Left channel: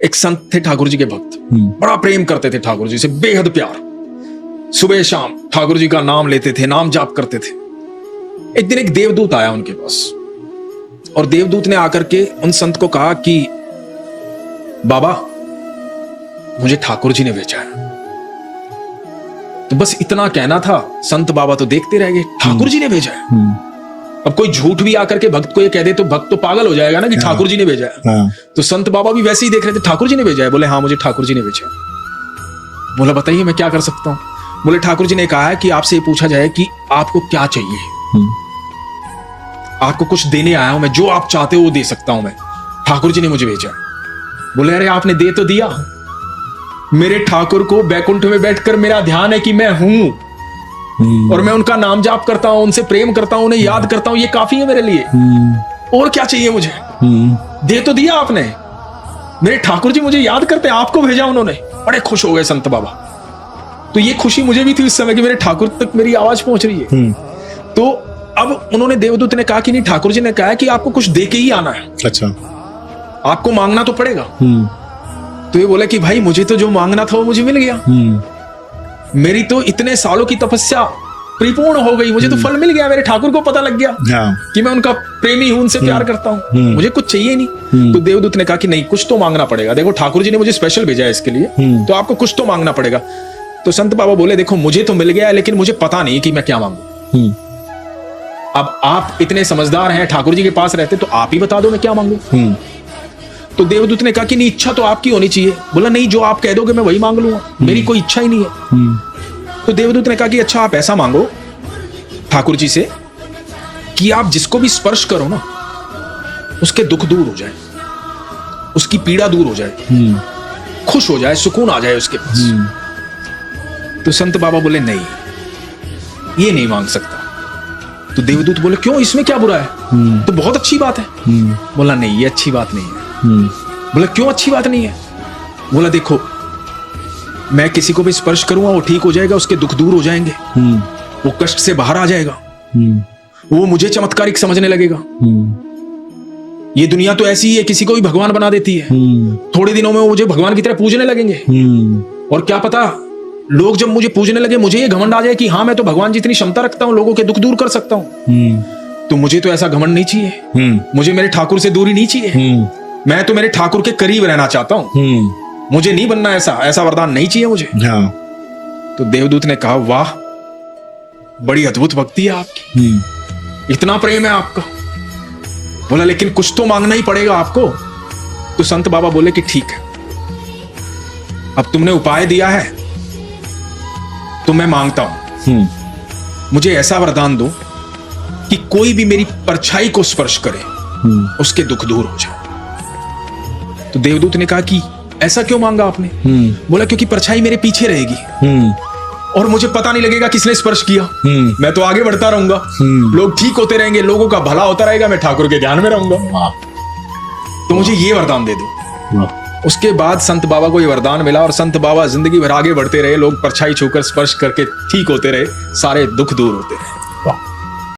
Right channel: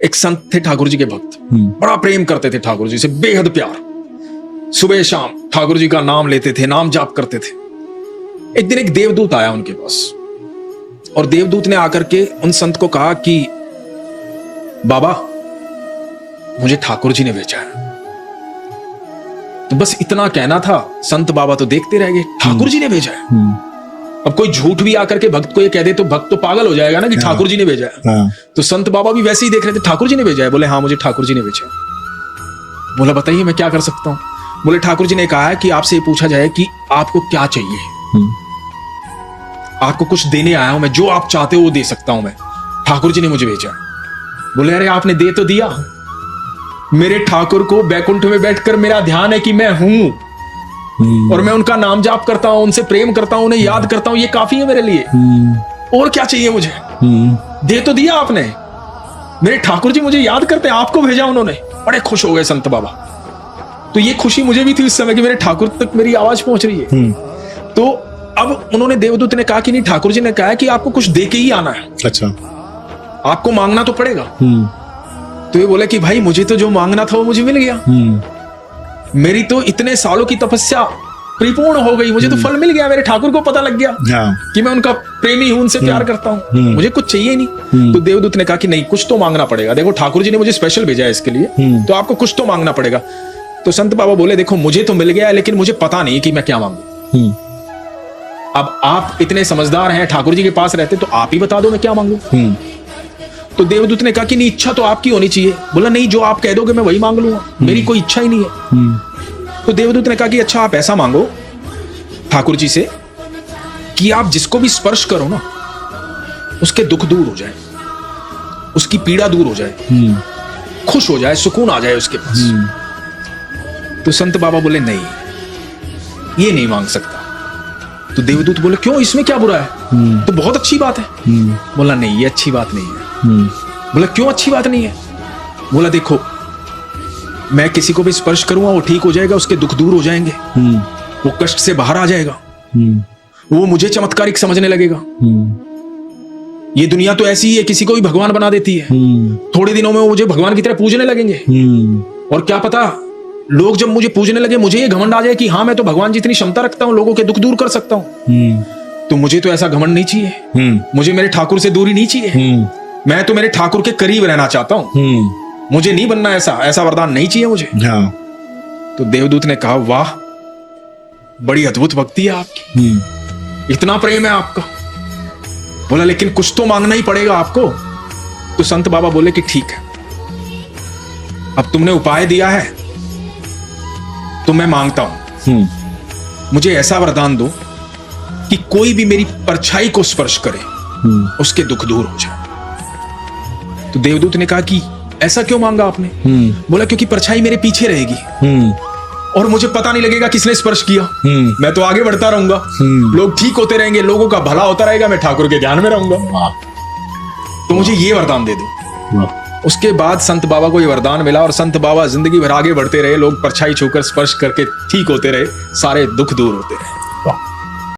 एक संत थे ठाकुर जी के भक्त, बड़ा प्रेम करते थे ठाकुर जी से, बेहद प्यार। सुबह शाम ठाकुर जी का नाम लेते थे, नाम जाप करते थे। एक दिन एक देवदूत आया उनके पास, और देवदूत ने आकर के उन संत को कहा कि बाबा, मुझे ठाकुर जी ने भेजा है। तो बस इतना कहना था, संत बाबा तो देखते रह गए, ठाकुर जी ने भेजा है। अब कोई झूठ भी आकर के भक्त को ये कह दे तो भक्त तो पागल हो जाएगा ना कि ठाकुर जी ने भेजा है। तो संत बाबा भी वैसे ही देख रहे थे, ठाकुर जी ने भेजा है? बोले हाँ, मुझे ठाकुर जी ने भेजा है। बोला बताइए मैं क्या कर सकता हूं? बोले ठाकुर जी ने कहा है कि आपसे ये पूछा जाए कि आपको क्या चाहिए। आपको कुछ देने आया हूं मैं, जो आप चाहते हो वो दे सकता हूं मैं, ठाकुर जी ने मुझे भेजा है। बोले अरे आपने दे तो दिया, मेरे ठाकुर को बैकुंठ में बैठकर मेरा ध्यान है कि मैं हूं और मैं उनका नाम जाप करता हूं, उनसे प्रेम करता हूं, उन्हें याद करता हूं, ये काफी है मेरे लिए। और क्या चाहिए मुझे? दे तो दिया आपने, मेरे ठाकुर जी मुझे याद करते हैं, आपको भेजा उन्होंने। बड़े खुश हो गए संत बाबा। तो ये खुशी मुझे भी थी उस समय कि मेरे ठाकुर तक मेरी आवाज पहुंच रही है। तो अब उन्होंने, देवदूत ने कहा कि नहीं, ठाकुर जी ने कहा है कि आपको कुछ दे के ही आना है। अच्छा, आपको मांगना तो पड़ेगा। तो ये बोले कि भाई मुझे तो जो मांगना था वो मुझे मिल गया, मेरी तो इतने सालों की तपस्या परिपूर्ण हो गई, मुझे तो फल मिल गया, मेरे ठाकुर को पता लग गया कि मैं उनका प्रेमी हूं, उनसे प्यार करता हूं, मुझे कुछ चाहिए नहीं। तो देवदूत ने कहा कि नहीं, कुछ तो मांगना पड़ेगा, देखो ठाकुर जी ने मुझे स्पेशल भेजा है इसके लिए, तो आपको कुछ तो मांगना पड़ेगा। तो संत बाबा बोले देखो मुझे तो मिल गया है, लेकिन मुझे पता नहीं कि मैं क्या मांगू। अब आप इतने समझदार हैं, ठाकुर जी के पास रहते, तो आप ही बता दो मैं क्या मांगू। देवदूत ने कहा कि नहीं, इच्छा तो आपकी होनी चाहिए। बोला नहीं, जो आप कह दोगे मैं वही मांगूंगा, कोई इच्छा ही नहीं है। तो देवदूत ने कहा कि अच्छा आप ऐसा मांगो ठाकुर जी से कि आप जिसको भी स्पर्श करो ना, उसके दुख दूर हो जाए, उसकी पीड़ा दूर हो जाए, खुश हो जाए, सुकून आ जाए उसके पास। तो संत बाबा बोले नहीं, ये नहीं मांग सकता। तो देवदूत बोले क्यों, इसमें क्या बुरा है? तो बहुत अच्छी बात है। बोला नहीं, ये अच्छी बात नहीं है। बोला क्यों अच्छी बात नहीं है? बोला देखो, मैं किसी को भी स्पर्श करूंगा वो ठीक हो जाएगा, उसके दुख दूर हो जाएंगे, वो कष्ट से बाहर आ जाएगा, वो मुझे चमत्कारिक समझने लगेगा। ये दुनिया तो ऐसी ही है, किसी को भी भगवान बना देती है, थोड़े दिनों में वो मुझे भगवान की तरह पूजने लगेंगे, और क्या पता लोग जब मुझे पूजने लगे मुझे ये घमंड आ जाए कि हाँ मैं तो भगवान जितनी क्षमता रखता हूँ, लोगों के दुख दूर कर सकता हूँ। तो मुझे तो ऐसा घमंड नहीं चाहिए, मुझे मेरे ठाकुर से दूरी नहीं चाहिए, मैं तो मेरे ठाकुर के करीब रहना चाहता हूँ, मुझे नहीं बनना ऐसा वरदान नहीं चाहिए मुझे। तो देवदूत ने कहा वाह, बड़ी अद्भुत भक्ति है आपकी, इतना प्रेम है आपका। बोला लेकिन कुछ तो मांगना ही पड़ेगा आपको। तो संत बाबा बोले कि ठीक है, अब तुमने उपाय दिया है तो मैं मांगता हूं, मुझे ऐसा वरदान दो कि कोई भी मेरी परछाई को स्पर्श करे उसके दुख दूर हो जाए। तो देवदूत ने कहा कि ऐसा क्यों मांगा आपने? बोला क्योंकि परछाई मेरे पीछे रहेगी और मुझे पता नहीं लगेगा किसने स्पर्श किया, मैं तो आगे बढ़ता रहूंगा, लोग ठीक होते रहेंगे, लोगों का भला होता रहेगा, मैं ठाकुर के ध्यान में रहूंगा, तो मुझे ये वरदान दे दो। उसके बाद संत बाबा को वरदान मिला और संत बाबा जिंदगी भर आगे बढ़ते रहे, लोग परछाई छूकर स्पर्श करके ठीक होते रहे, सारे दुख दूर।